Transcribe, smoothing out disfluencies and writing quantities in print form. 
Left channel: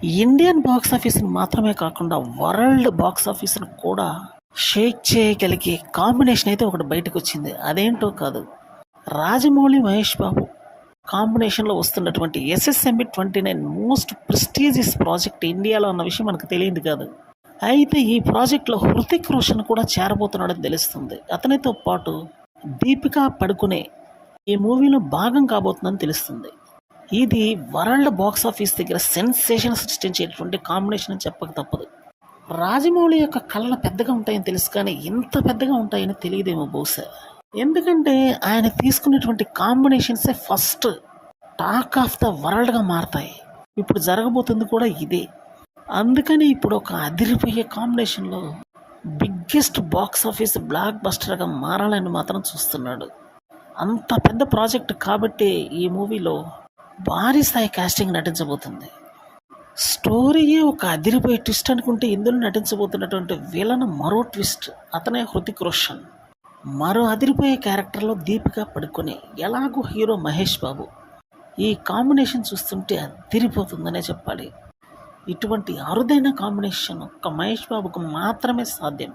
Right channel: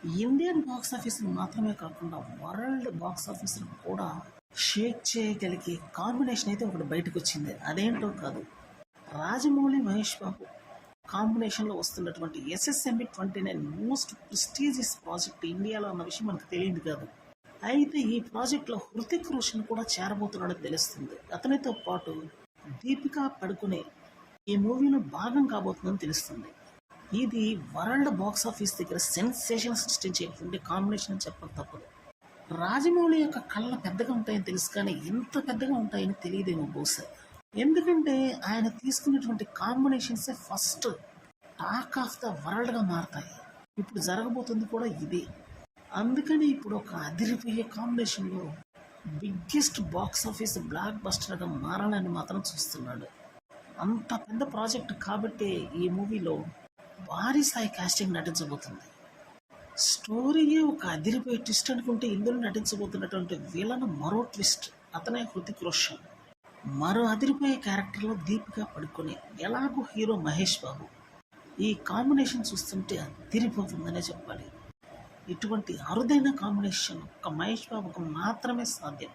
Indian box ఆఫీస్‌ని మాత్రమే కాకుండా వరల్డ్ బాక్స్ ఆఫీస్‌ని కూడా షేక్ చేయగలిగే కాంబినేషన్ అయితే ఒకటి బయటకొచ్చింది. అదేంటో కాదు. రాజమౌళి, మహేష్ బాబు కాంబినేషన్‌లో వస్తున్నటువంటి 'ఎస్ఎస్ఎంబి 29' మోస్ట్ ప్రెస్టీజియస్ ప్రాజెక్ట్ ఇండియాలో అన్న విషయం మనకు తెలియదు కాదు. అయితే ఈ ప్రాజెక్ట్‌లో హృతిక్ రోషన్ కూడా చేరబోతున్నాడని తెలుస్తుంది. అతనితో పాటు దీపికా పడుకునే ఈ మూవీలో భాగం కాబోతుందని తెలుస్తుంది. ఇది వరల్డ్ బాక్స్ ఆఫీస్ దగ్గర సెన్సేషన్ సృష్టించేటువంటి కాంబినేషన్ అని చెప్పక తప్పదు. రాజమౌళి యొక్క కళ్ళ పెద్దగా ఉంటాయని తెలుసు కానీ ఇంత పెద్దగా ఉంటాయని తెలియదేమో బహుశా. ఎందుకంటే ఆయన తీసుకున్నటువంటి కాంబినేషన్సే ఫస్ట్ టాక్ ఆఫ్ ద వరల్డ్గా మారతాయి. ఇప్పుడు జరగబోతుంది కూడా ఇదే. అందుకని ఇప్పుడు ఒక అదిరిపోయే కాంబినేషన్లో బిగ్గెస్ట్ బాక్స్ ఆఫీస్ బ్లాక్ బస్టర్గా మారాలని మాత్రం చూస్తున్నాడు. అంత పెద్ద ప్రాజెక్ట్ కాబట్టి ఈ మూవీలో భారీ స్థాయి కాస్టింగ్ నటించబోతుంది. స్టోరీయే ఒక అదిరిపోయే ట్విస్ట్ అనుకుంటే ఇందులో నటించబోతున్నటువంటి విలన్ మరో ట్విస్ట్. అతనే హృతిక్ రోషన్. మరో అదిరిపోయే క్యారెక్టర్లో దీపికా పడుకునే, ఎలాగో హీరో మహేష్ బాబు. ఈ కాంబినేషన్ చూస్తుంటే అదిరిపోతుందనే చెప్పాలి. ఇటువంటి అరుదైన కాంబినేషన్ ఒక్క మహేష్ బాబుకు మాత్రమే సాధ్యం.